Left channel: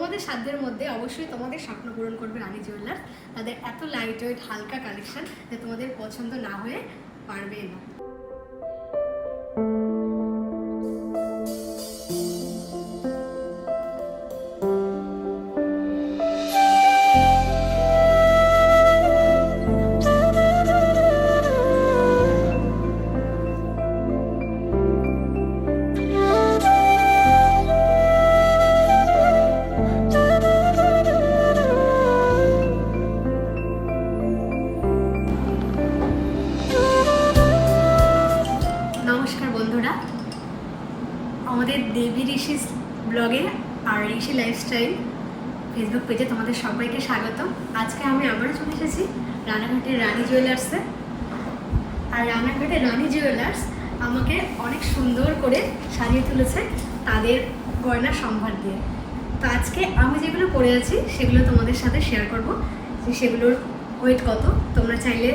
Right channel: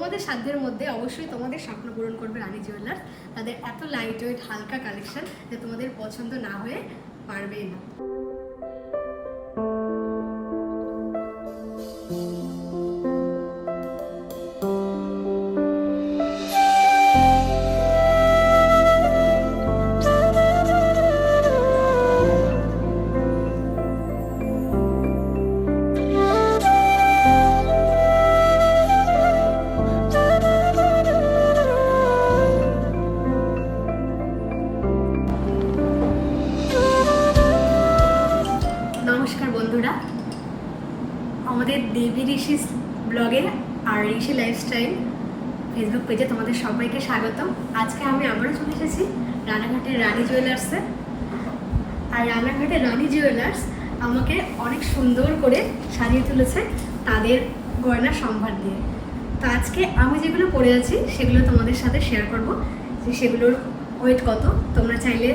তোমাদের সাধ্যের মধ্যে অবশ্যই তোমাদের স্বপ্ন পূরণ করবে রানী জুয়েলার্স। তাদের এত লাইট ওয়েট হালকা কালেকশন যে তোমাদের পছন্দ না হয়ে পারবেই না। নমস্কার বন্ধুরা, আমাদের দেবী ঋষি ব্লগে আর ঋষি লাইফস্টাইল ফেসবুক পেজে তোমাদের সবাইকে স্বাগতম। আজকে আমি আবারও চলে এসেছি রানাঘাটের রানী জুয়েলার্সে। আর রানাঘাটের রানী জুয়েলার্স আমাকে অনেক সুন্দর করে সাজিয়ে তুলেছে তাদের গয়না সম্ভার দিয়ে। তো আজকে আমি যেগুলো পরে আছি সেগুলো তোমাদের সাথে শেয়ার করব, যে সেগুলোর ওয়েট কত তোমরা চাইলে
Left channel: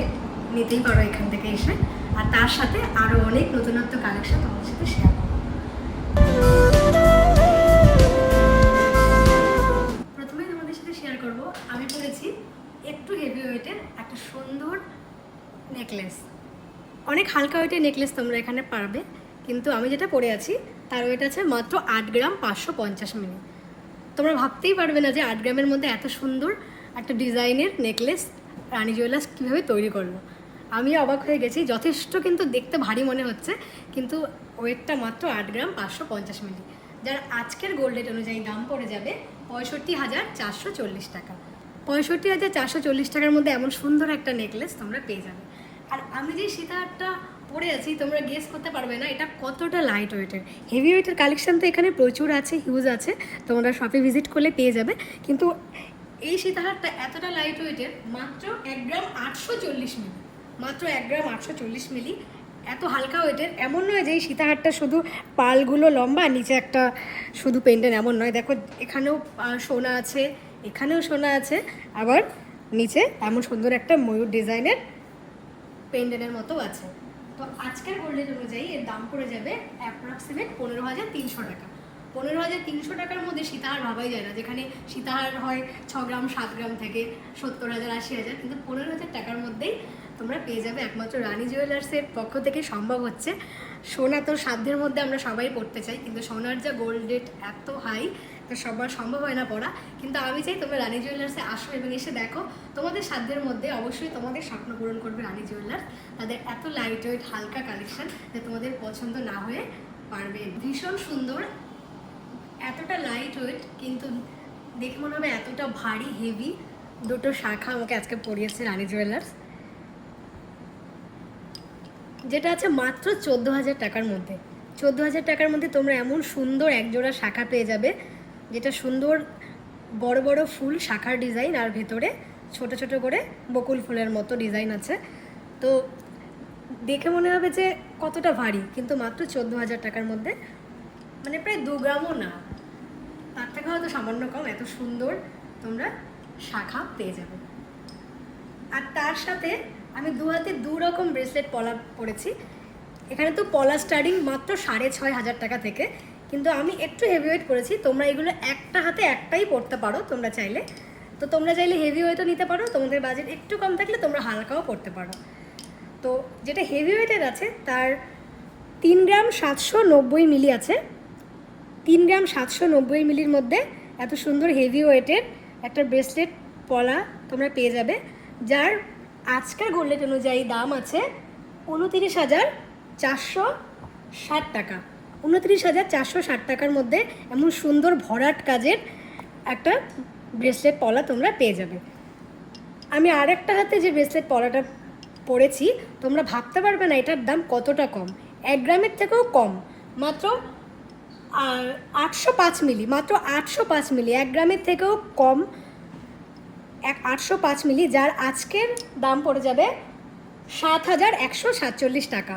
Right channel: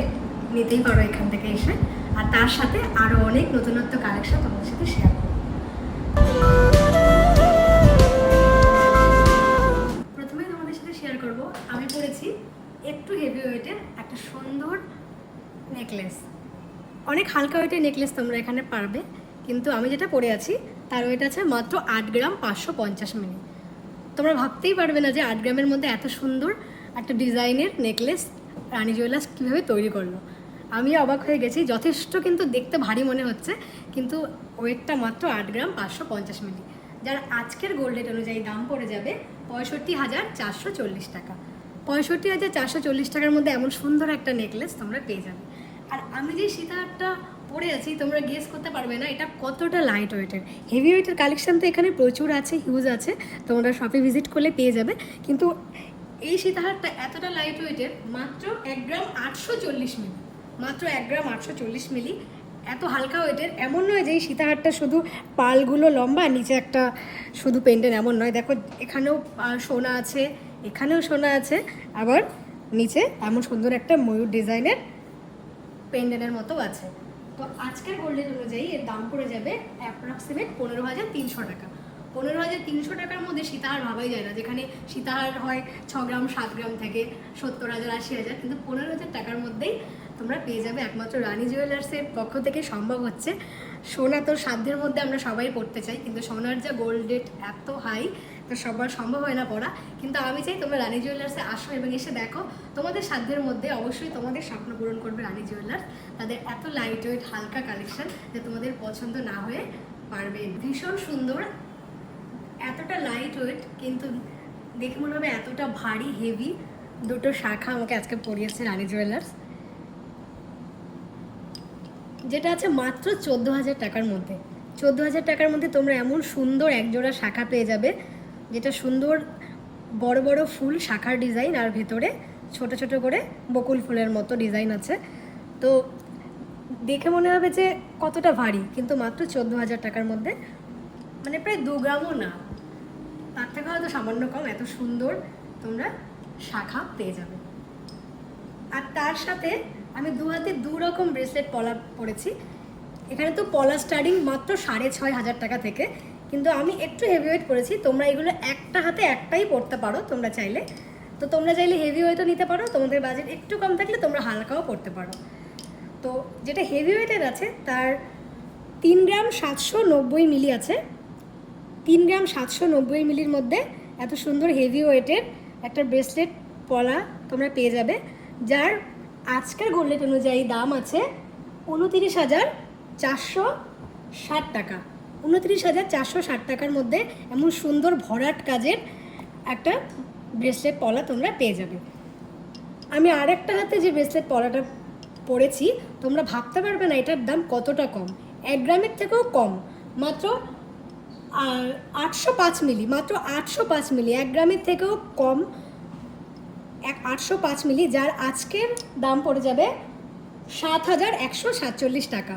নিতেই পারো এখান থেকে এসে। আর তার সাথে আরও অনেক নতুনত্ব কালেকশন তোমাদের সাথে শেয়ার করব। প্রথমেই তোমাদের সাথে শেয়ার করব, আমি পরেছি একটু হেভি ওয়েটের একটা সুন্দর নেকলেস। অনেক হালকা ওয়েটের নেকলেস তোমরা এখানে পারবে, কিন্তু আমি যেটা পরে আছি তার ওয়েট আছে মাত্র 8 গ্রাম 550 মিলি। তোমরা ভাবতেই পারবে না যে 8 গ্রামের মধ্যে এত সুন্দর একটা ডিজাইনের নেকলেস রানী জুয়েলার্স কীভাবে তৈরি করলো। আমি অবাক হয়ে গেছি। যথেষ্ট কিন্তু দেখতে ভারী মনে হচ্ছে, কিন্তু ওয়েটটা মাত্র 8 গ্রাম 550 মিলি, যার আজকের গোল্ড রেট অনুযায়ী দাম পড়ে যাবে 65,440 টাকা। 65,440 টাকার মধ্যে এমন সুন্দর একটা নেকলেস তোমরা পেয়ে যাবে। আর আমি যে সীতাহারটা পরে আছি তোমরা গেস করতে পারবে না এটা কতটা লাইট ওয়েটের। হেভি ওয়েটের কালেকশন তো এখানে প্রচুর আছে, হিউজ আছে, তোমরা শপে ভিজিট করলে পেয়ে যাবে। কিন্তু এই সীতাহারটা এতটা লাইট ওয়েটের, মাত্র 1 গ্রাম 840 মিলি, মাত্র 1 গ্রাম 840 মিলি, এত হালকা ওয়েটের। এমন নয় যে এই সীতাহারটা শুধু পালগুলো লম্বা, নিচে একটা শুধু পেন্ডেন্ট, এমন নয়। দেখো এখানেও সোনা আছে, এখানেও সোনা আছে, আবার নিচে এমন সুন্দর একটা ময়ূর ডিজাইনের পেন্ডেন্টের মতো আছে। তো আজকের গোল্ড রেট অনুযায়ী এর দাম পড়ে যাবে অ্যাপ্রক্সিমেট 15,300 টাকা। 15,300 টাকার মধ্যে সীতাহার ভাবাই যায় না, যেখানে সীতাহার হয় 6 গ্রাম 7 গ্রাম থেকে 70,000 80,000, কিন্তু 15,000 টাকার মধ্যেই তোমরা পেয়ে যাবে একমাত্র রানী জুয়েলার্সের পক্ষ থেকে। সম্ভব হচ্ছে সোনা তো সাধ্যের মধ্যে আমরা সবাই পড়তে চাই, কিন্তু সোনার যা গোল্ড রেট এত হাই, তো সবার সম্ভব হয় না পড়া। কিন্তু আমি চাই তোমরা রানী জুয়েলার্সে আসো এবং এসে দেখো, তোমাদের সাধ্যের মধ্যে অবশ্যই তোমাদের স্বপ্ন পূরণ করবে রানী জুয়েলার্স। তাদের এত লাইট ওয়েট হালকা কালেকশন যে তোমাদের পছন্দ না হয়ে পারবে। ভীষণ সুন্দর, এতটা লাইট ওয়েট কিন্তু দেখে মনে হবে এতটা ভারী হেভি। দুটো শাখা আমাকে আজকে পরিয়েছে রানী জুয়েলার্স, যেটা আছে মাত্র 14,000 টাকার মধ্যে। 14,000 টাকার মধ্যে তোমরা এমন সুন্দর একজোড়া শাখা পেয়ে যাবে, যেটা সুন্দর বড় বড় ফুল শাখার ডিজাইন, আর ভেতরে ছোট ছোট করে বকুল ফুলের মতো ডিজাইন আছে। তো দেখে মনে হবে যে কতটা ভারী, কিন্তু মাত্র 14,000 টাকার মধ্যে, মানে প্রায় 2 গ্রামও না, তার থেকে হয়তো সামান্য কম, এত সুন্দর তোমরা শাখা পেয়ে যাবে। আর তার সাথে আমি দু হাতে 2 রকম ব্রেসলেট পলা পরেছি। এখানে তো পলা স্টার্টিং মাত্র 6,500 টাকা থেকে, কিন্তু আমি একটু হেভি ওয়েট করেছি। তোমরা এগুলো একটা হাতে একটাই পরতে পারো তোমরা চাইলে। তো তোমরা চাইলে হেভি ওয়েটও নিতে পারো, তোমাদের বাজেট একটু কম থাকলে তোমরা হালকাও পরতে পারো। তো যেটা হেভি ওয়েটের আছে তার 3 গ্রাম 790 মিলি আছে। 3 গ্রাম 790 মিলির মধ্যে এত সুন্দর হেভি ওয়েটের একটা ব্রেসলেট পলা তোমরা পেয়ে যাবে, যার আজকের গোল্ড রেট অনুযায়ী দাম আছে 29,460 টাকা। 29,460 টাকার মধ্যে এমন সুন্দর ভরাট কাজের একটা ব্রেসলেট পলা তোমরা পেয়ে যাবে। আমি আরেকটা হাতে যে ব্রেসলেট পলাটা পরেছি, তোমরা ভাবতে পারবে না এটার দাম কতটা কম। 1 গ্রামের থেকেও কম, মাত্র 805 মিলি, মাত্র 805 মিলি, 1 গ্রামের থেকেও কম, 805 মিলি, যার আজকের দাম পড়ে যাবে 7,147 টাকা।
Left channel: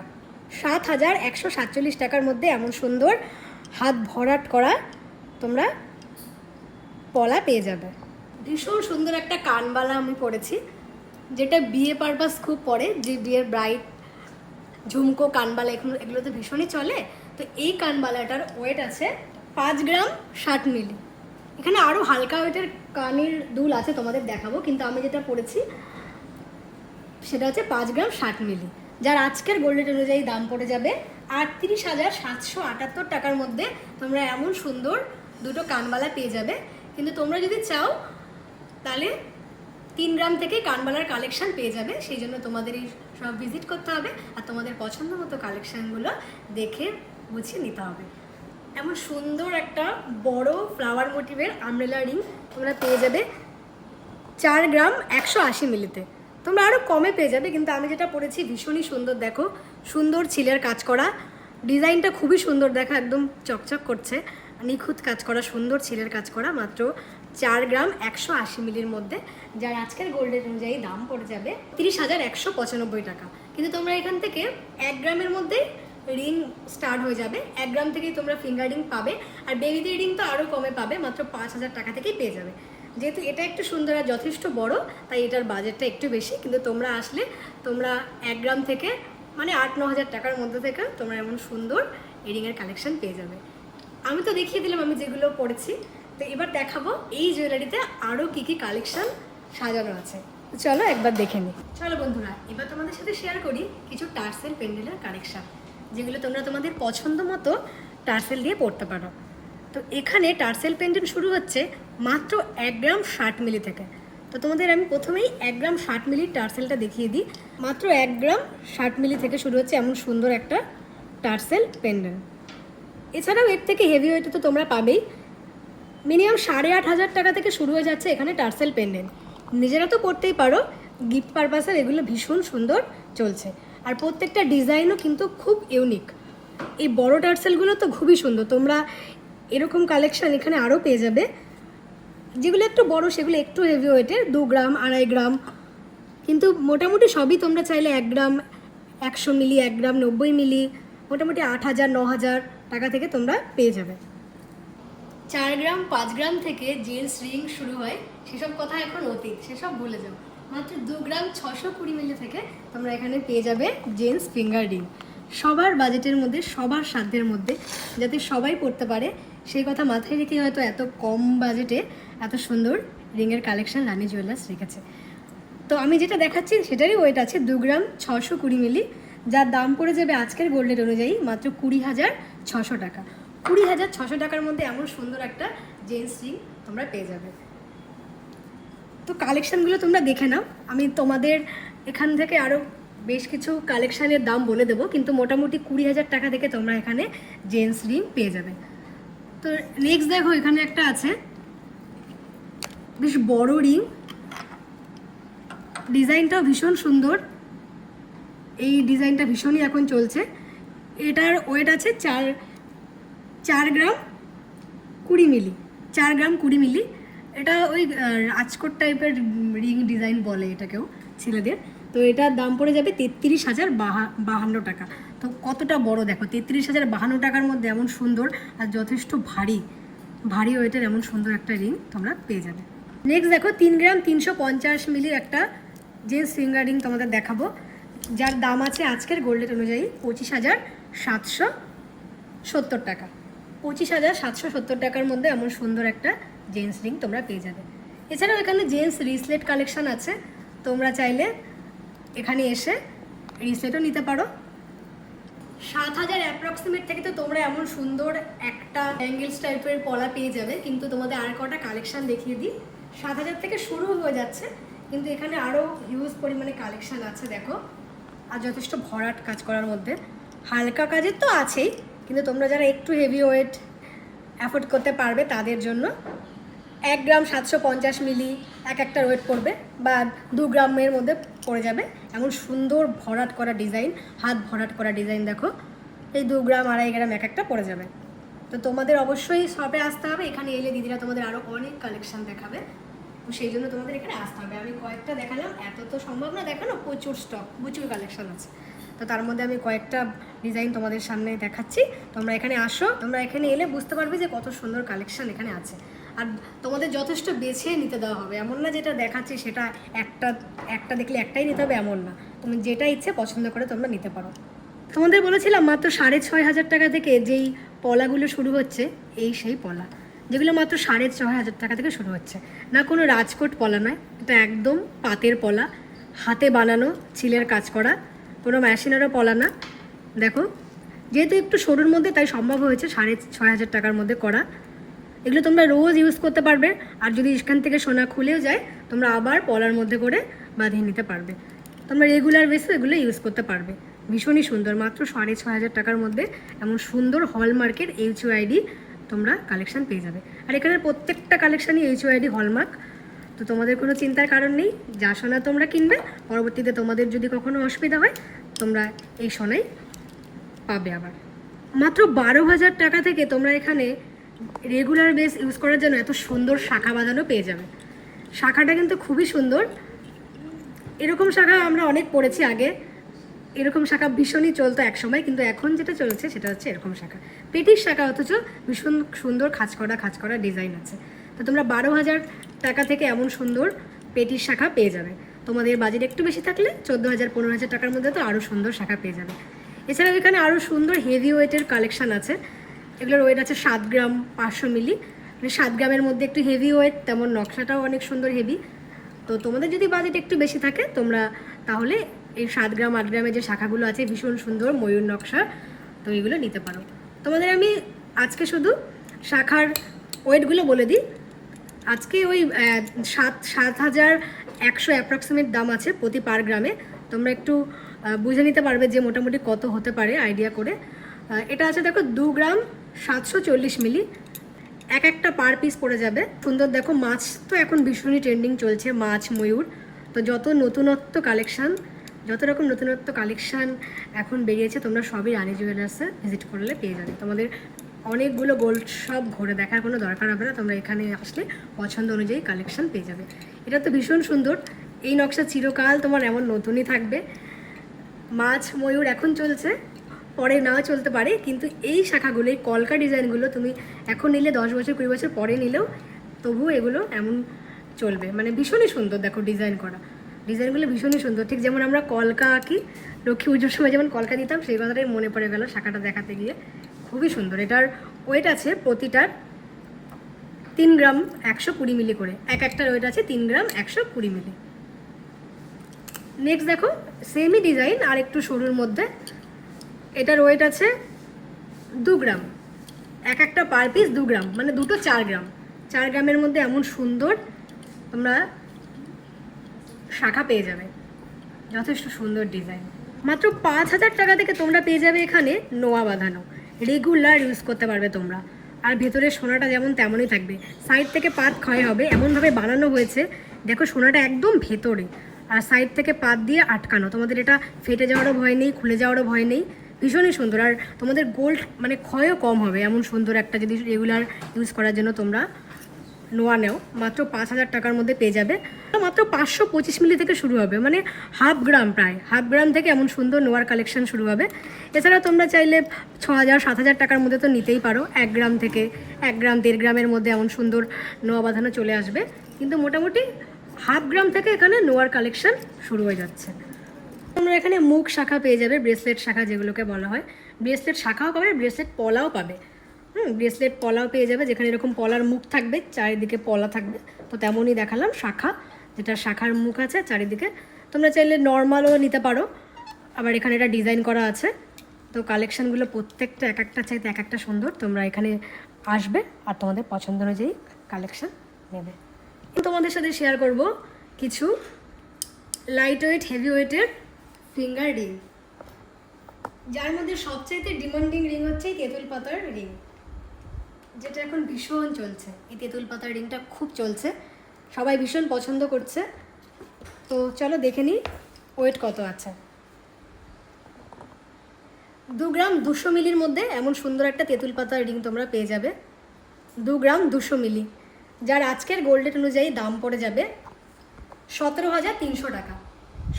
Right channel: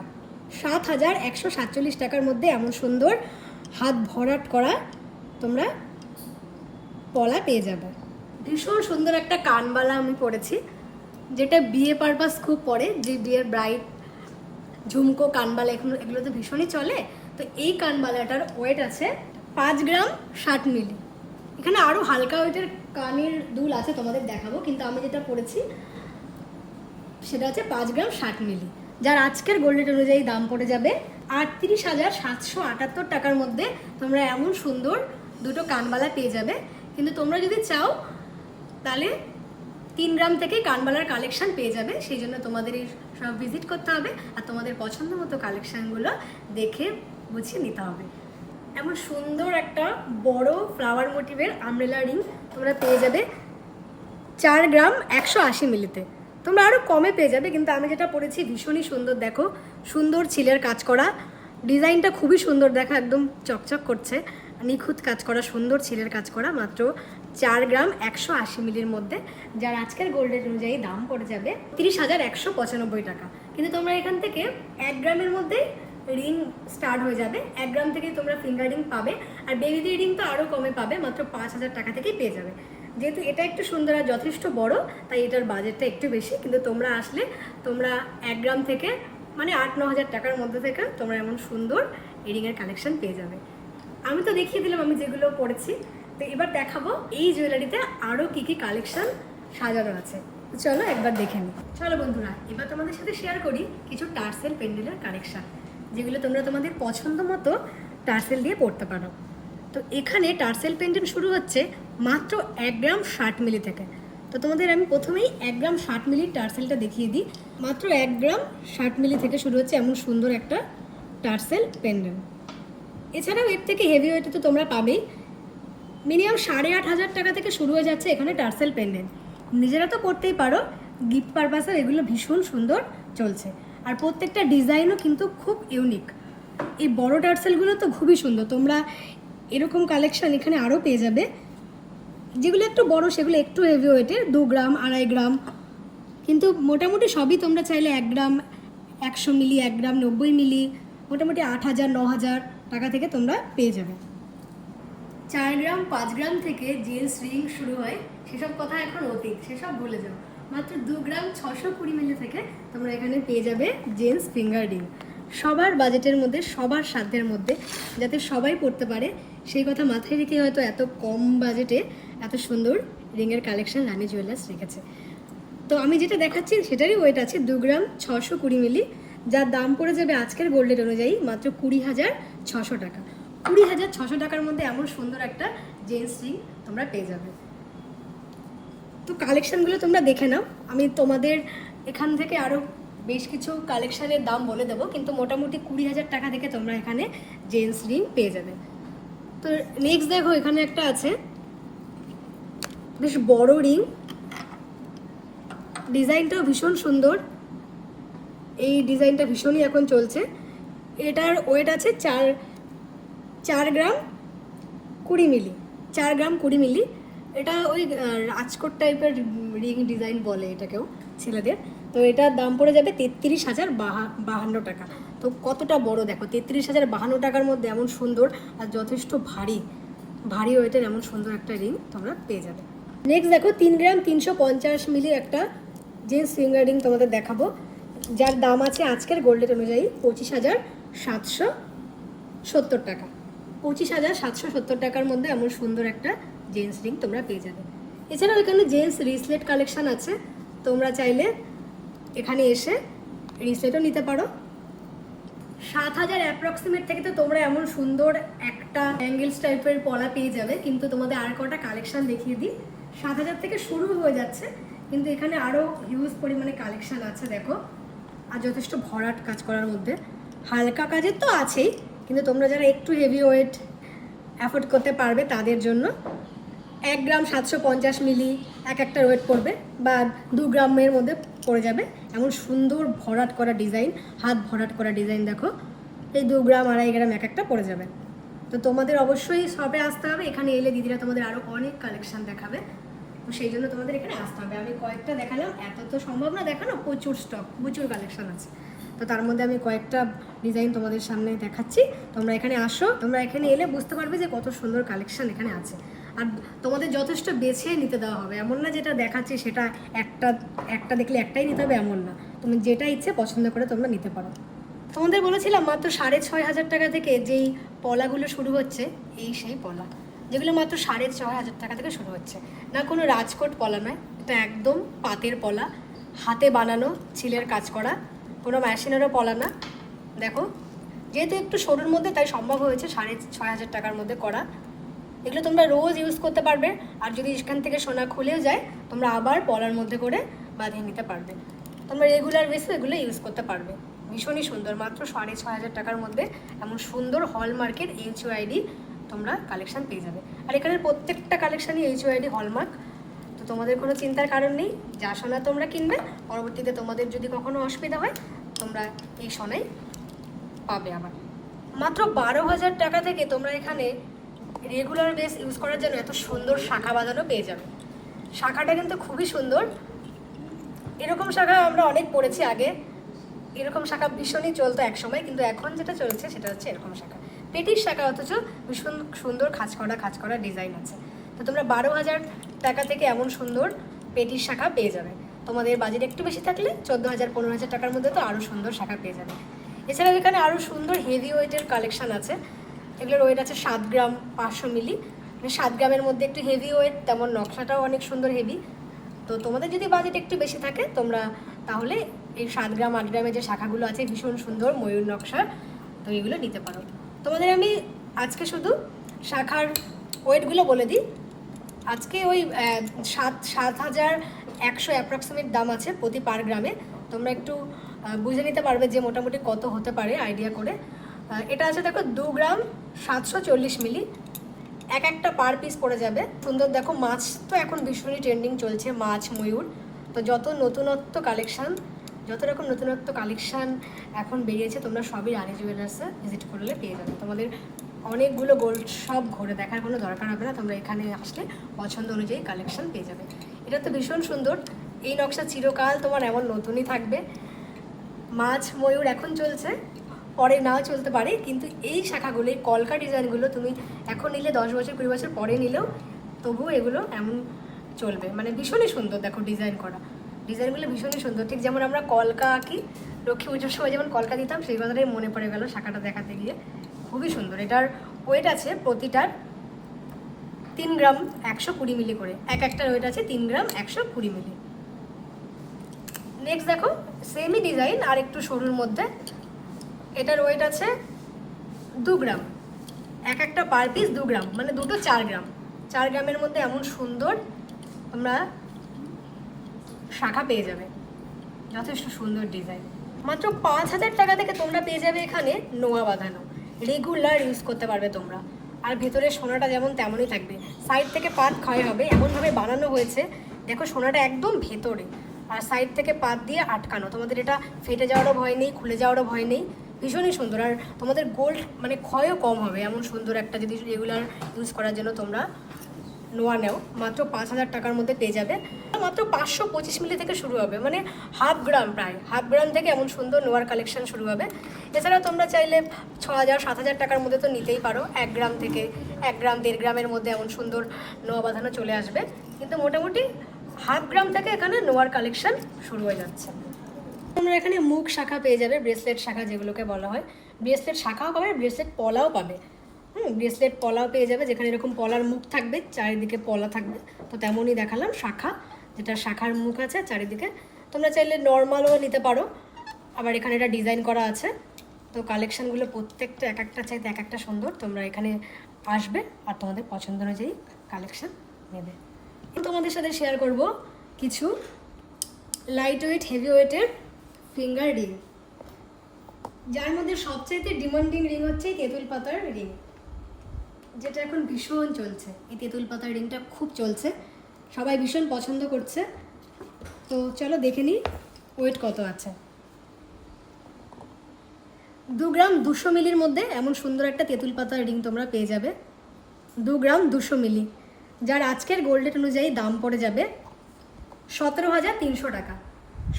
7,147 টাকার মধ্যে এমন সুন্দর হাত ভরাট করা তোমরা পলা পেয়ে যাবে। ভীষণ সুন্দর একটা কানবালা আমি পরেছি, যেটা বিয়ে পারপাস খুব পরে, যে বিয়ের ব্রাইড ঝুমকো কানবালা এগুলো তো ভীষণই চলে। তো এই কানবালাটার ওয়েট আছে 5 গ্রাম 60 মিলি, এখানে আরও হালকা ওয়েটের কানের দুল আছে, তোমাদের দেখাবো, কিন্তু আমি যেটা পরেছি সেটা হচ্ছে 5 গ্রাম 60 মিলি, যার আজকের গোল্ড রেট অনুযায়ী দাম পড়ে যাবে 38,778 টাকার মধ্যে। তোমরা এমন সুন্দর দুটো কানবালা পেয়ে যাবে। কিন্তু তোমরা যদি চাও তাহলে 3 গ্রাম থেকে কানবালার কালেকশন পেয়ে যাবে, সেই জন্য তোমাদের এই সব ভিজিট করতে হবে আর তোমাদের পছন্দ মতো কালেকশানগুলো দেখে বুঝিয়ে নিতে হবে। এমন সুন্দর একটা বড় ফ্লাওয়ার মোটিভের আমব্রেলা রিং তোমরা পেয়ে যাবে 4 গ্রাম 180 মিলিতে। তোমরা আরও কমে পেয়ে যাবে, কিন্তু আমি যেটা পরেছি ভীষণই সুন্দর। দেখো, সুন্দর ছিলের কাজ করা, ডিজাইনটা খুবই সুন্দর, দেখা একদম চকচক করছে, নিখুঁত কাজ করা, সুন্দর ছিলের কাজ করা, মাত্র 4 গ্রাম 180 মিলির মধ্যে, যার আজকের গোল্ড রেট অনুযায়ী দাম পড়ে যাবে 30,195 টাকা। কিন্তু তোমরা এখান থেকে 1 গ্রামের মধ্যেই রিং স্টার্ট হয়ে যাবে। 1 গ্রাম থেকেই তোমরা ফিঙ্গার রিং পাবে, আর বেবিদের রিং তো আরও কমে পাবে, মাত্র 5,000 টাকা থেকেই পেয়ে যাবে। যেহেতু এটা একটু সুন্দর আর যথেষ্ট বড়, তাই এটার বাজেটটা একটু বেশি, কিন্তু তোমরা আসলে তোমরা 1 গ্রাম থেকে মানে 8-9 হাজার টাকার মধ্যে থেকে তোমরা এমন সুন্দর রিংয়ের কালেকশন পেয়ে যাবে। আমি তো দেখিয়ে দিলাম আমি যেগুলো পড়েছি, তো এবার দেখাবো এই জুয়েলারিতে আরও কী কী কালেকশন সাজানো আছে। চলো একবার দেখে নিই। চলো বন্ধুরা, এবার তোমাদের সাথে শেয়ার করি কিছু টার্সেল পেন্ডেলের কালেকশন, যেগুলো তোমরা তোমাদের পছন্দ মতো টার্সেল দিয়ে পড়তে পারো। তো এখানে টার্সেল পেন্ডেন্ট শুরু হচ্ছে মাত্র 1 গ্রাম 60 মিলি থেকে। তো তোমাদের আমি প্রথমেই 1 গ্রাম 60 মিলির টার্সেলটা দেখিয়ে দিই। মাত্র 1 গ্রাম 60 মিলি থেকে শুরু হচ্ছে এমন সুন্দর একটা টার্সেল পেন্ডেন্ট। এছাড়াও এর থেকে হেভি ওয়েটে তো তোমরা পাবেই। মিনিমাম 8,500 টাকা থেকে শুরু হয়ে যাচ্ছে এখানে টার্সেল পেন্ডেন্ট। নিজেরা তো পড়তেই পারো, গিফট পারপাসের এগুলো ভীষণ সুন্দর চলছে, আর প্রত্যেকটা ডিজাইনও কিন্তু খুব ইউনিক। এই বড় টার্সেলগুলো তো খুবই সুন্দর, তোমরা এরকম কালেকশন এখানে আরও পেয়ে যাবে। যেগুলো একটু বড় সেগুলো একটু হেভি ওয়েটের, 2 গ্রাম 2.5 গ্রাম, কিন্তু মোটামুটি সবই তোমরা চাইলে 1 গ্রাম 100 মিলি, 1 গ্রাম 90 মিলি, মোটামুটি 8,000-9,000 টাকা থেকে তোমরা পেয়ে যাবে। 4 গ্রাম 5 গ্রাম থেকে জেন্টস রিং শুরু হয়, সেসব কথা এখন অতীত, সেসব ভুলে যাও। মাত্র 2 গ্রাম 620 মিলি থেকে তোমরা এখানে পেয়ে যাবে জেন্টস ফিঙ্গার রিং। সবার বাজেটের মধ্যে, সবার সাধ্যের মধ্যে, যাতে সবাই পড়তে পারে সেই কথা মাথায় রেখে হয়তো এত কম বাজেটে এত সুন্দর রিংয়ের কালেকশন রানী জুয়েলার্স রেখেছে। তো আমি যেটা দেখাচ্ছি সেটারই ওয়েট আছে 2 গ্রাম 620 মিলি, যার দাম পড়ে যাবে আজকের গোল্ড রেট অনুযায়ী মাত্র 20,600 টাকা। 20,600 টাকার মধ্যে এমন সুন্দর একটা জেন্টস রিং তোমরা পেয়ে যাবে। তো কালেকশানগুলো তোমরা দেখে নাও, আমি তোমাদের এখান থেকে আরও বেশ কিছু কালেকশানের দাম বলে দেবো, কিন্তু মোটামুটি 20,000 টাকা থেকে তোমরা এখানে জেন্টস রিং পেয়ে যাবে। তো নেক্সট দেখো, এখানে একটা আছে বেশ বড় রিং, ডিজাইনটাও ভীষণ সুন্দর, এই ডিজাইনটা ভীষণই এখন চলছে। এটার ওয়েট আছে 4 গ্রাম 20 মিলি, 4 গ্রাম 20 মিলি। এটা ওই রাজকোট টাইপের রিং ডিজাইন বলে এটাকেও ছেলেদের। তো এটার দাম পড়ে যাবে 33,052 টাকা। তো কতটা বড় দেখো, 33,052 টাকার মধ্যে এমন সুন্দর আর যথেষ্ট ভারী ওয়েটের এমন সুন্দর একটা রিং তোমরা পেয়ে যাবে। নেক্সট দেখো, 3 গ্রাম 350 মিলির একটা জেন্টস ফিঙ্গার রিং তোমাদের দেখাবো, যার দাম আছে আজকের গোল্ড রেট অনুযায়ী 25,770 টাকা। 25,770 টাকার মধ্যে এমন সুন্দর একটা জেন্টস রিং তোমরা পেয়ে যাবে। এছাড়াও এখানে জেন্টস রিসলেট কালেকশন আছে, তোমরা চাইলে এখানে এসে রিসলেটও নিতে পারো। 7,000 অ্যাপ্রক্সিমেট থেকে তো তোমরা এমন সুন্দর একটা অ্যাঙ্গেলস টাইপের পলা পেয়ে যাবে, কিন্তু তোমাদের আর কটা কালেকশন দেখিয়ে দিই। 7,000 থেকে শুরু হয়ে যাচ্ছে, কিন্তু এখানে আরও হিউজ পরিমাণে কালেকশন আছে দেখো, আর যথেষ্ট ভরাট কাজ করার মধ্যে। হালকা কাজের তো আছেই, কিন্তু তোমরা যারা একটু হেভি ওয়েট অ্যাফোর্ড করতে পারবে তাদের জন্য 1 গ্রাম 750 মিলি একটা ওয়েট পড়বে, বা 2 গ্রামের মধ্যে পড়ে যাবে এমন সুন্দর ভরাট করা ডিজাইন, হাত ভরাট করা ডিজাইন দেখো। এই 2 গ্রাম 2.5 গ্রাম একটা পড়ে যাবে। তো তোমাদের অবশ্যই শপে আসতে হবে, এখানে এলে দিদিরা তোমাদের আরও অনেক কালেকশন দেখাবে, তো সেই জন্য তোমাদের এখানে আসতে হবে। আমি কয়েকটা দেখালাম, এত তো সম্ভব না দেখানো, প্রচুর স্টক, প্রচুর কালেকশন আছে। তো তার মধ্যে আমি কয়েকটা ডিজাইন তোমাদের সামনে দেখাচ্ছি, তোমরা এখানে আসো, তোমরা এখানে এলে বুঝতে পারবে যে কত সুন্দর কালেকশন এখানে আছে। আর তোমাদের যথেষ্ট বেছে নিতে দেওয়া হবে, এমন না যেটা দেখাচ্ছি সেটা একটা দেখলে একটাই নিতে হবে, এমন না। তুমি যেটা ইচ্ছে পছন্দ করে তোমরা নিতে পারো। তোমাদের বলেছিলাম মাত্র 6,500 টাকা থেকে যেই পলাগুলো শুরু হচ্ছে, এই সেই পলা। যেগুলো মাত্র 6,500 টাকা থেকে শুরু হচ্ছে। না কোনো রাজকোট পলা নয়, এটা একদম পাতের পলা, হাতে বানানো, ছিলের কাজ করা, কোনো মেশিনেরও পলা না। দেখো, যেহেতু একটু সরুর মধ্যে তাই সম্ভব হয়েছে 6,500 টাকার মধ্যে করা। এগুলো তোমরা রোজ ইউজ করতে পারবে, আর যদি এখান থেকে সোনা খুলেও যায় তোমরা আবার পলার মধ্যে করে বাঁধিয়ে নিতে পারবে। তোমরা রেগুলার বেসে এগুলো ইউজ করতে পারবে। ভীষণই সুন্দর, মাত্র 6,500 টাকার মধ্যে এমন সুন্দর হলমার্কের HUID তোমরা কালেকশান পেয়ে যাবে। আর এখানের প্রত্যেকটা কালেকশানই HUID হলমার্ক, তো তোমাদের কোনো চিন্তার কারণ নেই। যা সোনা তোমরা কিনবে, পরবর্তীতে তোমাদের যদি কখনো অসুবিধা হয় তোমরা এই সোনাই পাবে। আবার মাত্র 12,000 টাকা থেকে তোমরা এখানে রেগুলার বেস ইউজ করার জন্য এত সুন্দর শাখা বাঁধানো পেয়ে যাবে। শাখাটা কিন্তু খুবই সুন্দর। এরকম শাখা আমরা অনেক পড়েছি আগে, এরকম শাখা ভীষণই চলতো এক সময়, কিন্তু এখন যেটা চলছে সেটা হচ্ছে এরকম শাখা, পেটির শাখা, অথচ ভীষণ সুন্দর খাঁজ করা ডিজাইন আছে। তো তোমরা 12,000 টাকা থেকে এমন সুন্দর পেটির শাখা পেয়ে যাবে। তোমাদের বাজেট একটু বেশি থাকলে 14,000 15,000 টাকার মধ্যে তো আরও সুন্দর শাখা পেয়ে যাবে। এছাড়াও এখানে আরও সুন্দর হেভি ওয়েটের কালেকশান আছে। এগুলোর ওয়েট আছে 7 গ্রাম 500 মিলি, মানে 7 গ্রামের মধ্যে একটু হেভি ওয়েট, তেমন নকশাটাও অনেক সুন্দর হেভি। তো তোমাদের যদি বাজেট একটু বেশি থাকে তোমরা তাহলে এই 7 গ্রাম 8 গ্রামের যে শাখাগুলো আছে ভীষণ সুন্দর ময়ূর নকশা, তো এগুলো নিতে পারো। তোমাদের আমি আজকে শুধু শাখার ওয়েটগুলো বলে দিই। আজকে ওই 7,100 অ্যাপ্রক্সিমেট দাম আছে প্রতি পার গ্রামে। তোমরা একটু বুঝে নিতে পারবে যে মোটামুটি কত হতে পারে আইডিয়া করে। এটা আছে দেখো 2 গ্রাম 740 মিলি, এক একটা পার পিস পড়ে যাবে। সুন্দর দেখো, মাছ তো এখন ভীষণই ট্রেন্ডিং চলছে, মাছ ময়ূর। তো যত রকম নতুনত্ব কালেকশান এখন বেরিয়েছে তোমরা সবই রানী জুয়েলার্সে ভিজিট করলে পেয়ে যাবে। তোমাদের অনেকগুলো গোল্ড শপ ঘুরে দেখার কোনো দরকার হবে না, তোমরা এখানে আসলে পছন্দ অনুযায়ী কালেকশান পেয়ে যাবে। এটা তো ভীষণ সুন্দর, এই নকশা চিরকাল তোমার এমন নতুনই থাকবে। মাছ ময়ূর এখন চলছে, পরে নাও চলতে পারে, কিন্তু এই শাখাগুলো, এই কলকা ডিজাইনগুলো তুমি এখন নিলে 10 বছর 20 বছর পরে নিলেও তবুও এগুলো এমন চলবে। মানে ভীষণই সুন্দর, দেখো ডিজাইন করা, ডিজাইনগুলো ভীষণই সুন্দর। ঠিক যেমন আমরা কলকা আঁকি, লক্ষ্মী পুজোর সময় যেমন কলকা দিতাম, সেই কথাটাই মনে পড়ে গেল শাখাটা দেখাতে গিয়ে। খুবই সুন্দর। এটার ওয়েট আছে প্রতিটার 3 গ্রাম 120 মিলি করে, এক একটার ওয়েট আছে 3 গ্রাম 120 মিলি। নেক্সট দেখো, সেমই ডিজাইন আর একটু সরুর মধ্যে, এটার ওয়েট আছে 2 গ্রাম, এক একটা পার পিস 2 গ্রাম, মানে দুটো 4 গ্রাম। 4 গ্রামের মধ্যে এমন সুন্দর তোমরা শাখা পেয়ে যাবে, যথেষ্ট সুন্দর ডিজাইন। মাত্র 5,000 টাকা থেকে তোমরা পেয়ে যাবে এখানে নোয়া বাঁধানো, রেগুলার ইউজ করতে পারবে তোমরা। আর ভেতরে সোনাটা যেমন তেমনই থাকবে, সাইড থেকে পাত ক্ষয় হবে এমনভাবে বানানো হয়েছে। দেখো সোনাটা একদম ভেতরে, আর সাইড থেকে পাত দিয়ে আটকানো। তোমাদের এটা ফেটে যাওয়ারও ভয় নেই, খুলে যাওয়ারও ভয় নেই। ভীষণই সুন্দর, আর তোমাদের গোল্ড মানে ক্ষয়ও কম হবে এমন সুন্দর একটা যদি রেগুলার ইউজ করার জন্য তোমরা নোয়া নেও। মাত্র 5,000 টাকার মধ্যে পেয়ে যাবে। মাত্র 525 মিলি থেকে শুরু হবে, মানে হাফ গ্রাম, প্রায় হাফ গ্রাম থেকে এমন সুন্দর নোয়ার কালেকশন শুরু হবে। এছাড়া তোমরা চাইলে 6,000 7,000 টাকার মধ্যে তো নিতেই পারো। 1 গ্রাম থেকে 1 গ্রাম 1.5 গ্রামের মধ্যে এমন সুন্দর নোয়া বাঁধানো চলে আসবে, কিন্তু মোটামুটি হাফ গ্রাম থেকে এখানে নোয়ার কালেকশন শুরু হয়ে যাচ্ছে। তোমরা এখানে মুখ শাখা পেয়ে যাবে, ব্রেসলেট শাখা যেগুলোকে বলা হয়। ব্রেসলেট শাখাও পাবে, ব্রেসলেট পলাও পাবে। ব্রেসলেট পলাও পেয়ে যাবে, যেখানে এরকম পলার মুখ থাকবে, চারিদিকে পলা থাকবে। তো তেমনই দেখালাম শাখা, যেটা শাখার মুখ আছে চারিদিকে। তোমরা চাইলে নর্মালও নিতে পারো, আবার এখানে এটা ডিজাইন করা আছে। তো কালেকশানগুলো প্রত্যেকটা এক একটা চাইতে এক একটা সুন্দর। তোমরা এখানে আসবে আর তোমাদের পছন্দ অনুযায়ী কালেকশান নেবে। তোমাদের সাথে শেয়ার করব কিছু লাইট ওয়েট হেভি ওয়েটের ফিঙ্গার রিং, যার মধ্যে সবচাইতে ডিমান্ডিং রিং হচ্ছে এই তেঁতুল পাতার রিং, যেটা এখন ভীষণ চলছে। এই তেঁতুল পাতার রিংটা খুব চলছে, সবাই ভীষণ পছন্দ করছে। তো চলো দেখে নিই ওয়েট কত আছে। 2 গ্রাম 200 মিলির মধ্যে এমন সুন্দর একটা তেঁতুল পাতার রিং তোমরা পেয়ে যাবে। 2 গ্রাম 200 মিলি, যার আজকের গোল্ড রেট অনুযায়ী দাম পড়ে যাবে 17,300 টাকা।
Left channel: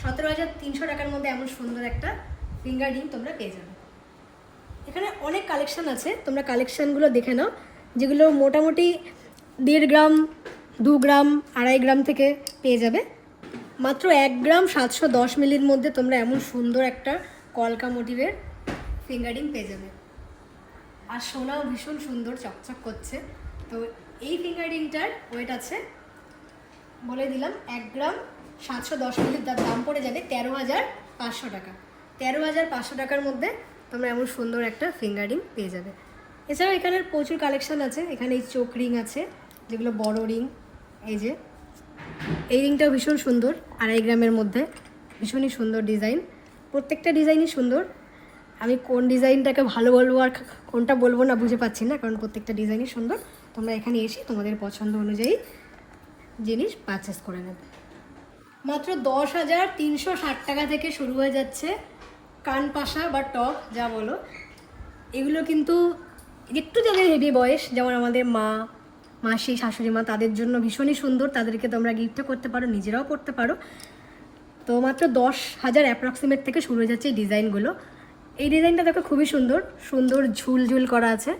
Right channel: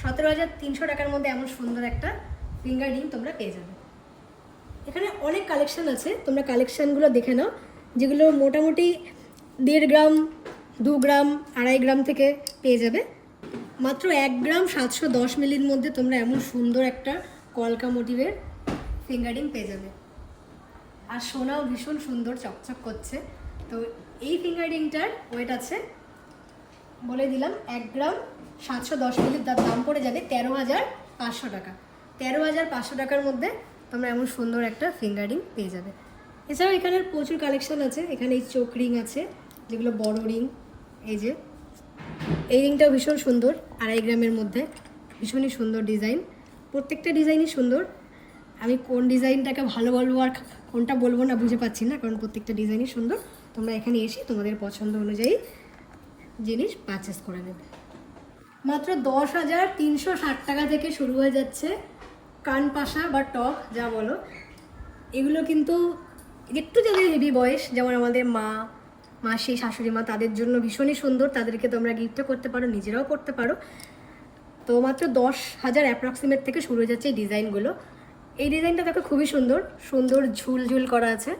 17,300 টাকার মধ্যে এমন সুন্দর একটা ফিঙ্গার রিং তোমরা পেয়ে যাবে। এখানে অনেক কালেকশান আছে, তোমরা কালেকশানগুলো দেখে নাও, যেগুলো মোটামুটি 1.5 গ্রাম 2 গ্রাম 2.5 গ্রাম থেকে পেয়ে যাবে। মাত্র 1 গ্রাম 710 মিলির মধ্যে তোমরা এমন সুন্দর একটা কলকা মোটিভের ফিঙ্গার রিং পেয়ে যাবে। আর সোনাও ভীষণ সুন্দর চকচক করছে, তো এই ফিঙ্গার রিংটার ওয়েট আছে বলে দিলাম 1 গ্রাম 710 মিলির দাম পড়ে যাবে 13,500 টাকা। 13,500 টাকার মধ্যে তোমরা এমন সুন্দর একটা ফিঙ্গার রিং পেয়ে যাবে। এছাড়াও এখানে প্রচুর কালেকশন আছে। এখানে এই চোখ রিং আছে যেগুলো বড় রিং। এই যে এই রিংটাও ভীষণ সুন্দর, 2.5 গ্রামের মধ্যে, ভীষণই সুন্দর ডিজাইন। প্রত্যেকটা ডিজাইনই সুন্দর। আমি কোন ডিজাইনটাকে ভালো বলবো আর কোনটা বলবো না বুঝে পাচ্ছি না, কারণ প্রত্যেকটা ডিজাইনই সুন্দর। তোমরা এখানে এসে তোমাদের পছন্দ অনুযায়ী জিনিস পারচেস করে নেবে। মাত্র 10,360 টাকা থেকে শুরু হয়ে যাচ্ছে কানপাশা বা টপ যা বলো। এগুলো কিন্তু একটু যাদের হেভি বয়স, যেমন আমাদের মা, মাসি, শাশুড়ি মা, তাদের জন্য ভীষণই সুন্দর। তাদেরকে তোমরা গিফটও করতে পারো, নিজেরাও করতে পারো। তো মাত্র 10,000 অ্যাপ্রক্সিমেট থেকে শুরু হয়ে যাচ্ছে এই ডিজাইনগুলো। এই ডিজাইনটা দেখো খুবই সুন্দর, সুন্দর ঝুল ঝুল করা আছে,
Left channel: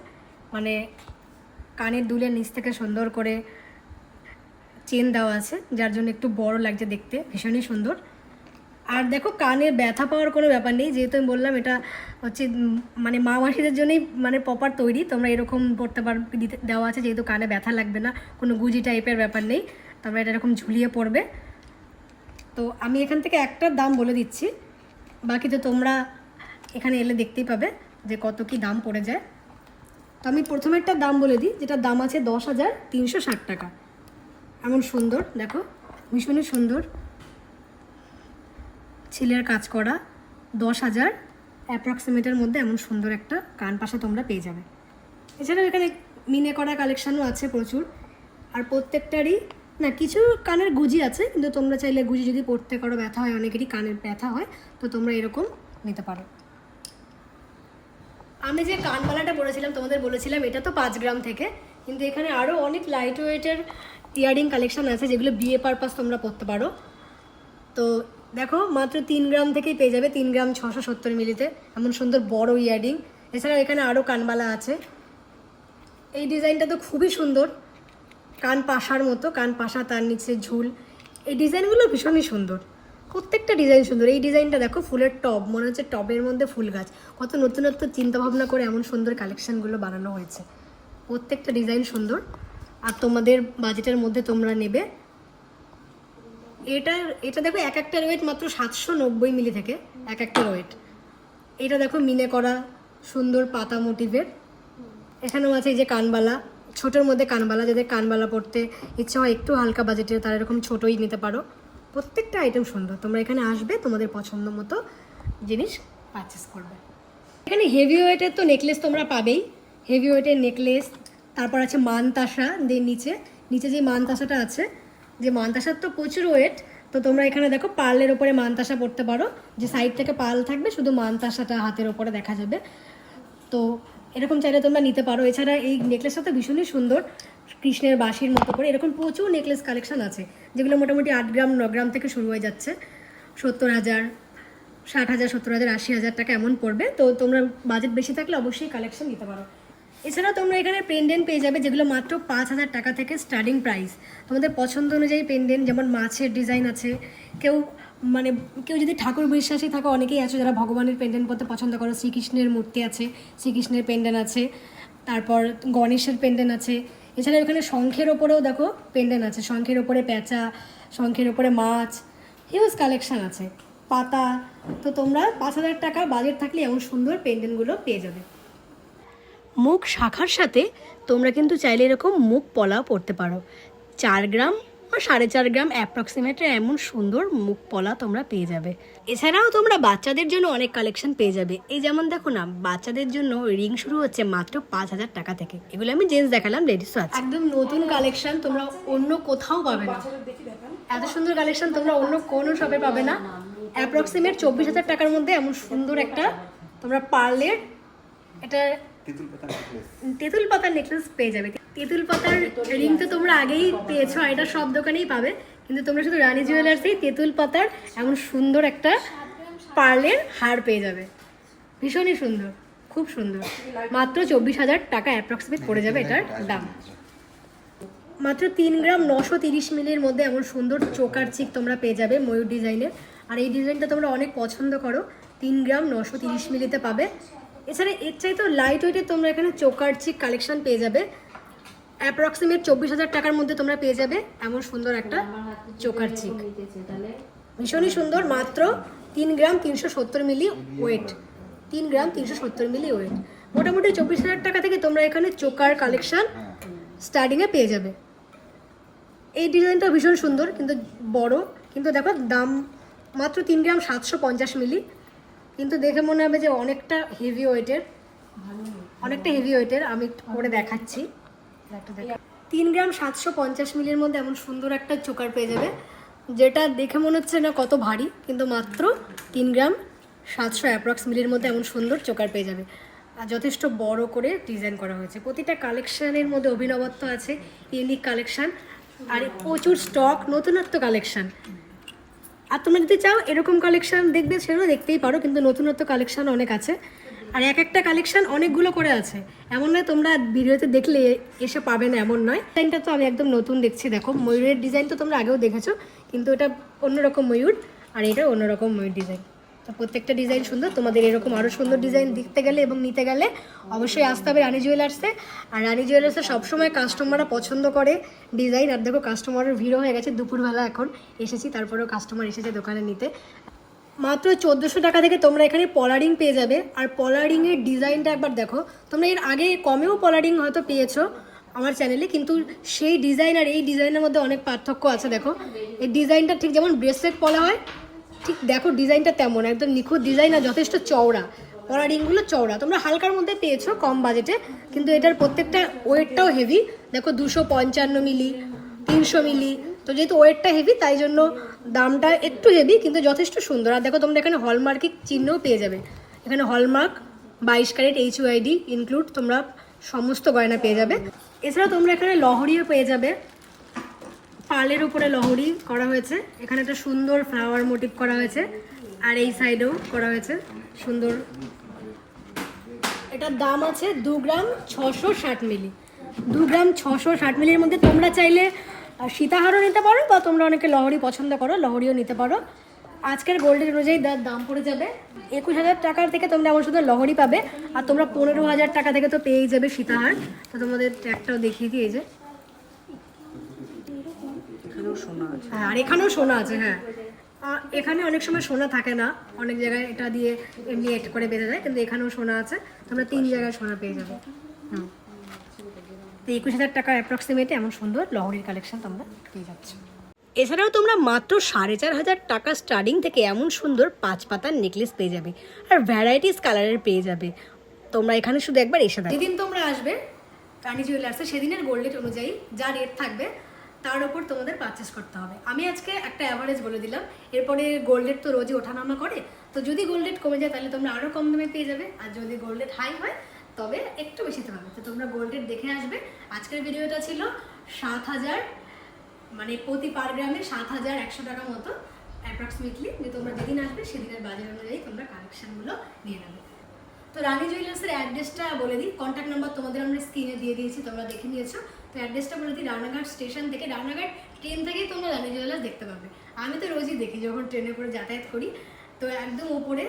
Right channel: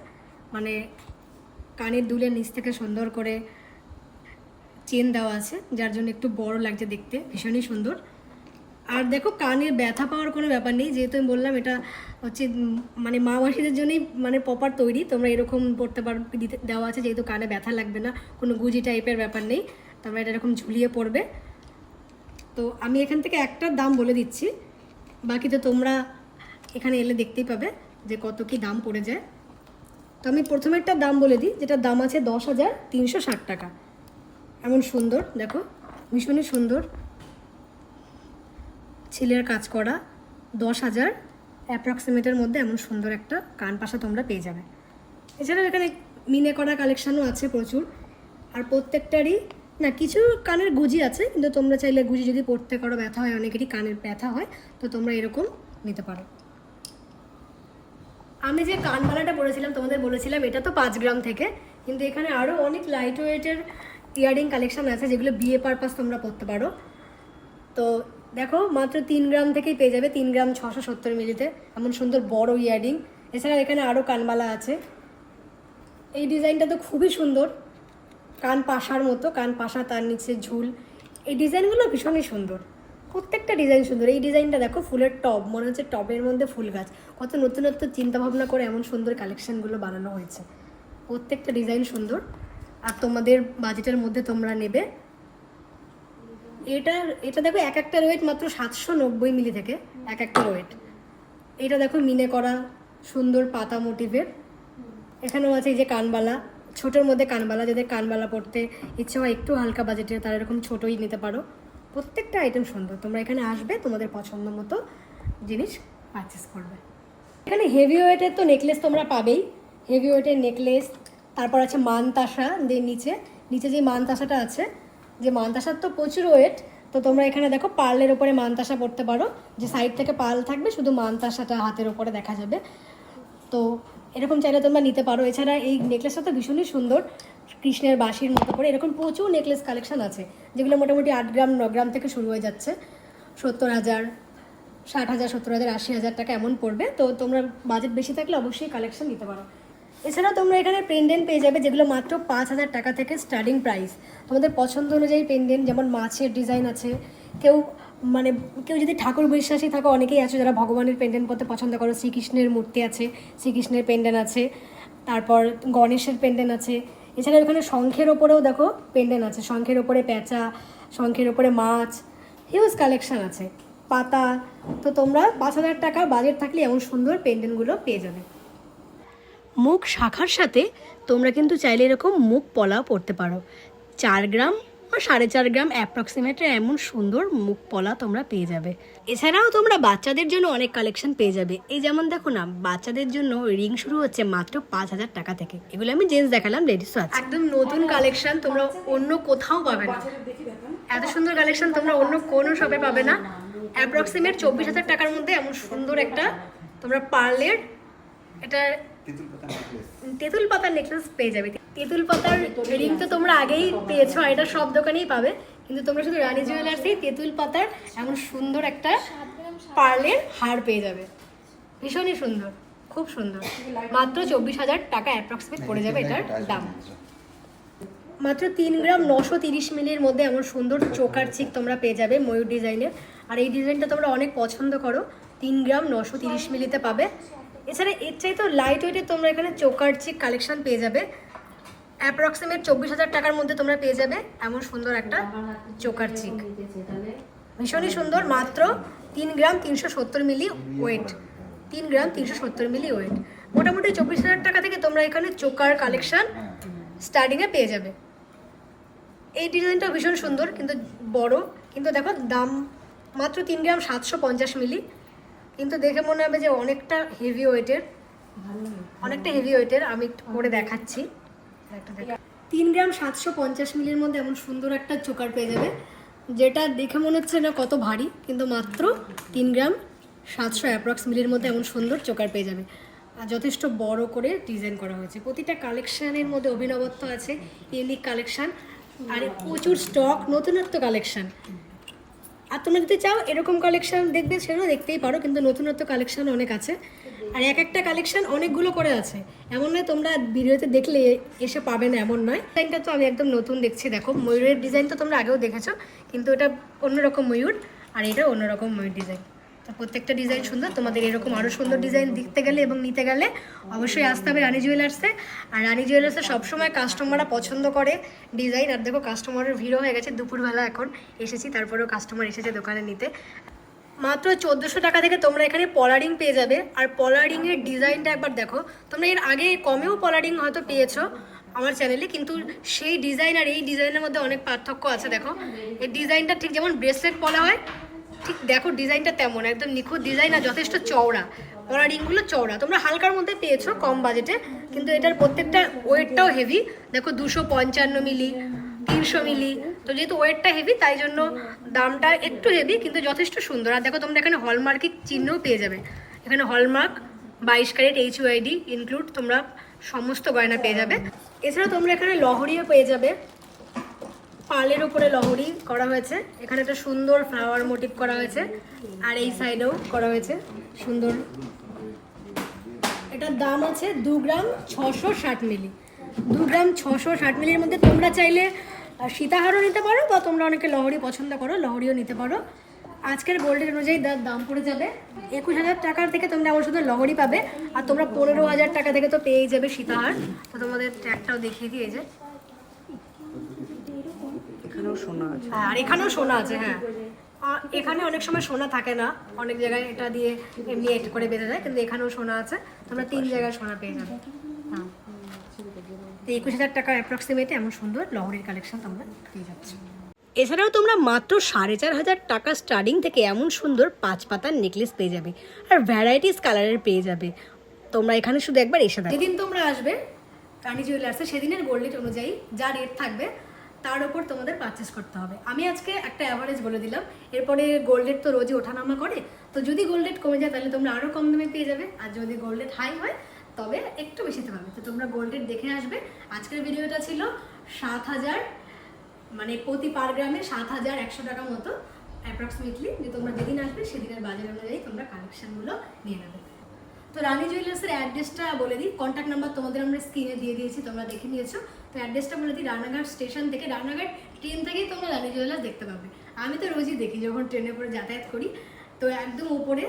মানে কানের দুলের নিচ থেকে সুন্দর করে চেন দেওয়া আছে, যার জন্য একটু বড় লাগছে দেখতে, ভীষণই সুন্দর। আর দেখো কানে ব্যথা পাওয়ার কোনো ব্যাপার নেই, যেহেতু আমি বললাম এটা হচ্ছে মানে মা মাসিদের জন্যই মানে প্রপার তৈরি। তোমরা এরকম পড়তে পারো, দেওয়া আছে, যেহেতু কানে ব্যথা লাগবে না, কোনো গুজি টাইপের ব্যাপার নেই। তোমরা এটা এরকম ঝুলিয়ে পড়বে। তো আমি এখান থেকে একটার দাম বলে দিচ্ছি, বাকি তো তোমরা এখানে এলে দেখতেই পাবে যে কত কি দাম পড়ে যায়। তো আমি প্রথমে একটা দাম বলে দিই, যেটার দাম আছে 10,360 টাকা। এমন সুন্দর দেখো, ভীষণই সুন্দর ছিলের কাজ করা। 10,000 অ্যাপ্রক্সিমেটের মধ্যে এমন সুন্দর একটা কানপাশা তোমরা পেয়ে যাবে। এছাড়াও এখানে মিনে করা কালেকশানও আছে প্রচুর। আর প্রত্যেকটারই না, কিছু কানের গুজি আছে, কিন্তু তোমরা চাইলে গুজি যদি পড়তে করো ব্যথা হয়, অনেকেরই কানের ব্যথা হয়, তো তোমরা এরকম নিতে পারো। আমি যে কানবালাটা পরেছিলাম তোমাদের বলেছিলাম এটা তো 5 গ্রাম থেকে, কিন্তু এখানে আরও অনেক লাইট ওয়েটের ইয়ারিং কালেকশান আছে যেগুলো বিয়ে পারপাস তোমরা পরতে পারো। তো দেখো মাত্র 3 গ্রাম থেকেই পেয়ে যাবে, 3 গ্রাম 670 মিলিতে এমন সুন্দর বড় ইয়ারিং। এছাড়া এখানে আরও কানবালা আছে। এই ডিজাইনটা তো খুবই সুন্দর, কান পাশার মতো, কান পাশা, তার নিচে ঝুল। এই ডিজাইনগুলো ভীষণই সুন্দর, প্রত্যেকটা ডিজাইন সুন্দর। এই ডিজাইনটা দেখো ফুলের টব, মনে হচ্ছে টবের মধ্যে ফুল গাছ। কত নতুনত্ব চিন্তাভাবনা করে এমন সুন্দর কালেকশানগুলো বানানো হয়েছে। প্রত্যেকটা ডিজাইন সুন্দর। আর তোমাদের বাজেটের মধ্যে তোমরা নেবে। এটা দেখো এক একটা ওয়েট মাত্র 790 মিলি থেকে এক একটা ওয়েট। এটা দেখো মিনে করা সুন্দর পাতা মোটিভের। এখানেও আছে এই যে কানবালা, ছোটোর মধ্যে কানবালা, যাদের কানবালা পড়তে ইচ্ছা হয় একটু হালকা বাজেটের, তারা এরকম ছোটোই নিতে পারো। প্রত্যেকটা আইটেম সুন্দর। তোমরা এখানে আসবে, তোমাদের পছন্দ মতো জিনিস পারচেস করবে। এখানে হেভি ওয়েটের তো নেকলেস তোমরা পাবেই, হেভি ওয়েটের নেকলেস। তারপর আছে মানতাসা, নিচে নিচে যে মানতাসাটা আছে, যে মানতাসার তো প্রচুর ওয়েট। তো তোমরা এখানে দেখো পার্লের ওপরে মানতাসা পড়তে পারো, যে সাইড থেকে পার্ল থাকবে, শুধু মানতাসাটা হাতের ওপরে দেখা যাবে। তো এরকম চাইলে তোমরা নিতে পারো। এছাড়া এই নেকলেসটা তো ভীষণই সুন্দর, কৃষ্ণের বাঁশির মতো করে। এরকম প্রচুর নেকলেস কালেকশন আছে, যেগুলো মোটামুটি 8 গ্রাম 9 গ্রাম থেকে শুরু হয়ে যাচ্ছে। 70,000, 60,000, 70,000, 80,000 টাকা এমন পড়বে। তো তোমরা বাজেট বেশি থাকলে অবশ্যই কালেকশন নিতে পারো। এছাড়াও তোমরা এখানে পেন্ডেন্ট পেয়ে যাবে, যেগুলো মাত্র 5,000 টাকা থেকে স্টার্টিং প্রাইস। তোমাদের পছন্দ অনুযায়ী পেন্ডেন্ট, যেমন মাছের ডিজাইন আছে। কেউ যদি ঠাকুর বিশ্বাসী থাকো, অনেকেই আছে যারা ভগবানের পেন্ডেন্ট পরতে পছন্দ করো। শ্রীকৃষ্ণের মূর্তি আছে, শ্রীকৃষ্ণের পেন্ডেন্ট আছে, তারপর গণেশের পেন্ডেন্ট আছে। এছাড়া এখানে শঙ্খের ওপরেও দেখো পেন্ডেন্ট আছে, শঙ্খের ওপরে প্যাঁচা, শঙ্খের ওপরে মাছ, হিউজ কালেকশন আছে, পাতা। তো তোমরা 5,000 টাকা বাজেট থাকলে এমন সুন্দর পেন্ডেন্টগুলো পেয়ে যাবে। মুখ শাখার সাথে তোমরা কিন্তু চাইলে এরকম মুখ পলাও পরতে পারো। 4 গ্রাম বা 4.5 গ্রাম অ্যাপ্রক্সিমেটে এমন সুন্দর মুখ পলা তোমরা পেয়ে যাবে। এছাড়াও তোমরা বাচ্চাদের জন্য অনেক কালেকশন পেয়ে যাবে। এই যেমন দেখো না, বাচ্চাদের জন্য রিং শুরু হচ্ছে মাত্র 5,000 টাকা থেকে। এগুলো আমি জেন্টস দেখালাম, লেডিসও আছে। একদম নতুন কালেকশন, তোমরা অন্য কোথাও পাবে না। এত সুন্দর কালেকশন তোমরা অন্য কোনো শপে পাবে না। অ্যাপ্রক্সিমেট 24,000 টাকার মধ্যে এমন সুন্দর একটা তোমরা পার্লের এটা তেঁতুল পাতার নেকলেস পেয়ে যাবে। তেঁতুল পাতার রিং তো তোমরা আগেই পেয়েছো, আর এটা সব দোকানেই পাবে, কিন্তু তোমরা শুধু রানী জুয়েলার্সে তেঁতুল পাতার এমন সুন্দর একটা পার্লের হার পেয়ে যাবে। ভীষণই সুন্দর, খুব সুন্দর। মাত্র 24,000 টাকা অ্যাপ্রক্সিমেট পড়ে যাবে এটার দাম। মাত্র 3 গ্রাম 930 মিলির মধ্যে এমন সুন্দর চোকার চিক তোমরা পেয়ে যাবে ময়ূর ডিজাইনের। আর এই ডিজাইনটা তোমরা অনেক পছন্দ করো। 3 গ্রাম 930 মিলিতে পাবে। এছাড়া এর চাইতেও লাইট ওয়েটের তোমরা এখানে চোকার চিক কালেকশন পেয়ে যাবে। অ্যাপ্রক্সিমেট 24,000 টাকার মধ্যে তোমরা পেয়ে যাবে এমন সুন্দর একটা চোকার চিক। ভীষণই সুন্দর, মাত্র 3 গ্রাম 370 মিলি ওয়েট, 3 গ্রাম 370 মিলি ওয়েট। মোটামুটি 24,000 টাকা থেকে তোমরা এখানে চোকার কালেকশন স্টার্টিংয়ে পেয়ে যাবে। এই ডিজাইনটা ভীষণ সুন্দর কিন্তু বড়, কিন্তু দেখো দাম মাত্র 3 গ্রাম 750 মিলি, কিন্তু দেখে মনে হবে যে অনেকটা হেভি ওয়েটের, আমি করে দেখাচ্ছি। 3 গ্রাম 750 মিলির মধ্যে এমন সুন্দর একটা চোকার পেয়ে যাবে, যেটা দেখে মনে হচ্ছে না কত ভারী, কিন্তু মাত্র 3 গ্রাম 700 অ্যাপ্রক্স মিলির মধ্যে এমন সুন্দর চোকার পেয়ে যাবে। আর যথেষ্ট বড় করে ডিজাইন করা হয়েছে। প্রতিটা কালেকশানের মধ্যে অভিনবত্ব আছে, ইউনিক কালেকশান, আর প্রচুর স্টক, নতুনত্ব কালেকশান। আর তোমরা যদি চাও এরকম কালেকশান দেখবে সেটাও দেখতেই পারো, কিন্তু নতুনত্ব কালেকশান অনেক আছে, আর এক একটা কালেকশান অনেকগুলো করে আছে। এমন নয় তোমরা ভিডিওতে দেখলে এসে পাবে না, এমন নয়। ডিজাইনটা তো আমি একদম নতুন দেখছি, দেখো ময়ূরের ডিজাইন তো তোমরা আগেও দেখেছো, কিন্তু এটা অন্যরকম ময়ূর আর এটা অন্যরকম ময়ূর ডিজাইন। তো প্রত্যেকটা ডিজাইন সুন্দর। তোমাদের এরকম আরও সুন্দর ডিজাইন দেখতে গেলে এবং নিতে গেলে অবশ্যই আসতে হবে রানী জুয়েলার্সে। আর রানী জুয়েলার্সে সবসময় কাস্টমাররা পছন্দ করে ডিজাইন। আর দেখো কাস্টমারের ভিড়ও হয়ে গেছে, দুপুরবেলা এখন এসেছি, তারপরেও কাস্টমার এসেছে দোকানে নিতে। মাত্র 1400 টাকা থেকে তোমরা এখানে পলারিং পেয়ে যাবে। আর পলারিংয়ের ডিজাইনটা একবার দেখো, তোমরা এর আগে কমেও পলারিং হয়তো পেয়েছো আমার চ্যানেলে, কিন্তু সেই ডিজাইন আর এই ডিজাইনের মধ্যে অনেক পার্থক্য আছে। দেখো এই ডিজাইনটা ঠিক যেমন ব্রেসলেট পলা হয়, ঠিক দেখো ডিজাইনটা তেমন একদম নিখুঁত ডিজাইন, আর যথেষ্ট চওড়া, পলারিংগুলো চওড়া। তোমরা হালকার মধ্যে পেয়েছো কম বাজেটে, কিন্তু এটার প্রত্যেকটা ওয়েটটাও হেভি। দেখো 255 মিলি, 300 মিলি, তো যেহেতু ওয়েটটা হেভি তাই জন্য দামটা একটু হেভি, কিন্তু যথেষ্ট সুন্দর। আর দেখো তোমরা এখানে হলমার্কিং চিহ্নও পেয়ে যাবে, এখানে হলমার্ক 22 ক্যারেট HUID ইনক্লুড তোমরা সমস্ত গয়না পেয়ে যাবে। এছাড়াও তোমরা এখানে লহরিও পেয়ে যাবে, পালের উপরে লহরি করা হয়েছে, এখানে একটা সুন্দর ফ্লাওয়ার মোটিভ করা হয়েছে, আর এই সাইডেও করা হয়েছে সুন্দর। এটার দাম আছে 2 গ্রাম 660 মিলি, 2 গ্রাম 660 মিলির মধ্যে তোমরা চাইলে সীতাহারও নিতে পারো, বা তোমরা অনেকে লহরি পছন্দ করো লহরিও নিতে পারো। আজকের গোল্ডের অনুযায়ী দাম পড়ে যাবে 21,000 টাকার থেকে তোমরা আমার শুধু লহরি পাবে, আর তোমরা 15,000 টাকা থেকে তো পেয়েই যাবে সীতাহার। তো তোমাদের ট্যাগটাও দেখিয়ে দিয়ে যে এখানেও সোনা আছে, আর এখানেও সোনা আছে। হ্যাঁ, আর এখানে অনেক সময় সোনা থাকে না, অনেক জায়গায় এটা দিয়ে এমনি এড করে বেঁধে যায়, কিন্তু এখানেও সোনা আছে, তোমরা 3 জায়গায় সোনা পেয়ে যাবে। তো 21,000 টাকা অ্যাপ্রক্সিমেটে এমন সুন্দর লহরির কালেকশন তোমরা পেয়ে যাচ্ছ। এছাড়াও তোমরা মাত্র 4,500 টাকা স্টার্টিং থেকে এমন সুন্দর 5 পাতার নেকলেস পেয়ে যাবে, আর ভ্যারাইটিস কালারের পেয়ে যাবে। তোমরা এখানে শুধু একবার এসে দেখো। যেদিন তোমরা আসবে রানী জুয়েলার্সে, সেদিনের গোল্ড রেট অনুযায়ী যা রেট থাকবে তার উপর তোমাদের পারচেস করতে হবে। আমি আজকে একটা অ্যাভারেজ বলে দিলাম, এরপরে গোল্ড রেট তো রোজই ওঠানামা করে, তো যদি গোল্ড রেট কমে যায় তাহলে তোমরা আরও কম দামে পেয়ে যাবে, আর যদি গোল্ড রেট হাই হয় তবে একটু বেশিতে পাবে। তো তোমরা গোল্ড রেট দেখে আসবে। আজকের ভিডিওটা ছিল 7,000, মানে প্রতি পার গ্রামে 7,100 টাকা মতো অ্যাপ্রক্সিমেটলি। যে তোমরা যেদিন আসবে সেদিনের বাজার অনুযায়ী তোমরা কালেকশানগুলো নিয়ে নেবে। তো রানী জুয়েলার্সের অ্যাড্রেসটা বলে দিই, কন্ট্যাক্ট নাম্বার তোমাদের আমরা স্ক্রিনে দিয়ে দিয়েছি, তোমরা দেখে নিয়েছো। তো অ্যাড্রেসটা বলে দিই, রানাঘাট স্টেশন থেকে, রানাঘাট ট্রেন থেকেই তোমরা রানী জুয়েলার্স দেখতে পাবে। আমি তো রোজই দেখি যখন ট্রেনে করে যাতায়াত করি। তো একদম উপরে,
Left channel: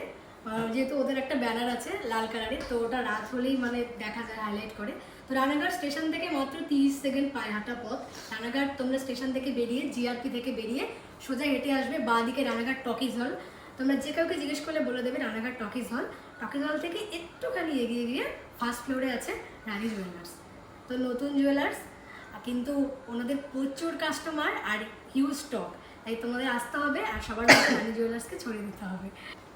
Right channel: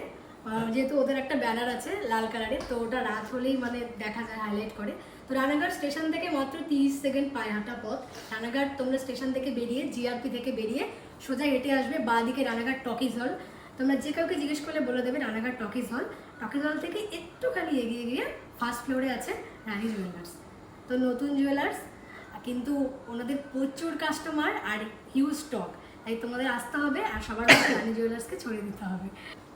যেহেতু ওদের একটা ব্যানার আছে লাল কালারের, তো ওটা রাত হলেই মানে দেখা যায়, হাইলাইট করে। তো রানাঘাট স্টেশন থেকে মাত্র 30 সেকেন্ড পায়ে হাঁটা পথ। রানাঘাট তোমরা স্টেশন থেকে বেরিয়ে, জিআরপি থেকে বেরিয়ে সোজা হেঁটে আসবে বাঁ দিকে রানাঘাট টকিজ হল। তোমরা যে কাউকে জিজ্ঞেস করলে বলে দেবে রানাঘাট টকিজ হল। টকিজ হল থেকে একটুখানি এগিয়ে গিয়ে ফার্স্ট ফ্লোরে আছে রানী জুয়েলার্স। তো নতুন জুয়েলার্স, কিন্তু ওনাদের প্রচুর কাস্টমার আর হিউজ স্টক, তাই তোমাদের আসতে হবে আর সবার মধ্যে রানী জুয়েলার্সকে ছড়িয়ে দিতে হবে।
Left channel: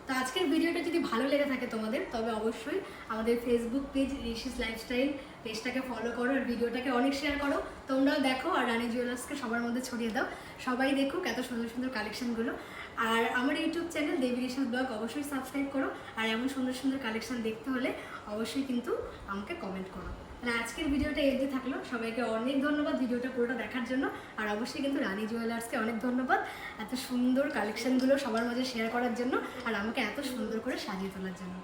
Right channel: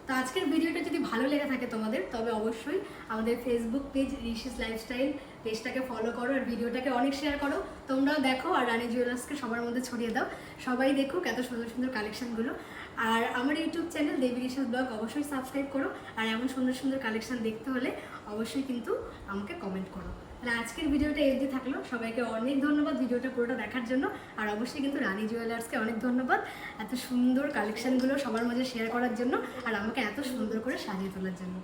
তো আজকের ভিডিওটা যদি ভালো লেগে থাকে তোমাদের, তবে অবশ্যই আমাদের ফেসবুক পেজ ঋষিস লাইফস্টাইল পেজটাকে ফলো করো, আর ভিডিওটাকে অনেক শেয়ার করো। তোমরাও দেখো আর রানী জুয়েলার্সকে সবার মধ্যে ছড়িয়ে দাও, সবাই দেখুক এত সুন্দর সুন্দর কালেকশানগুলো। আর আমার ইউটিউব চ্যানেল দেবী ঋষিস ব্লগ অবশ্যই সাবস্ক্রাইব করো, আর এমন সুন্দর সুন্দর কালেকশান দেখতে হলে অবশ্যই কিন্তু আমাকে কমেন্ট করো। তাহলে আজকের ভিডিওটা এগিয়ে থাকলো, সবাইকে অনেক ধন্যবাদ ভিডিওটা পুরোটা দেখার জন্য। আর অবশ্যই কিন্তু রানী জুয়েলার্সকে অনেক ধন্যবাদ এত সুন্দর কালেকশানগুলো সবার মাঝে শেয়ার করার জন্য, আর আমাকে এত সুন্দর করে সাজিয়ে তোলার জন্য।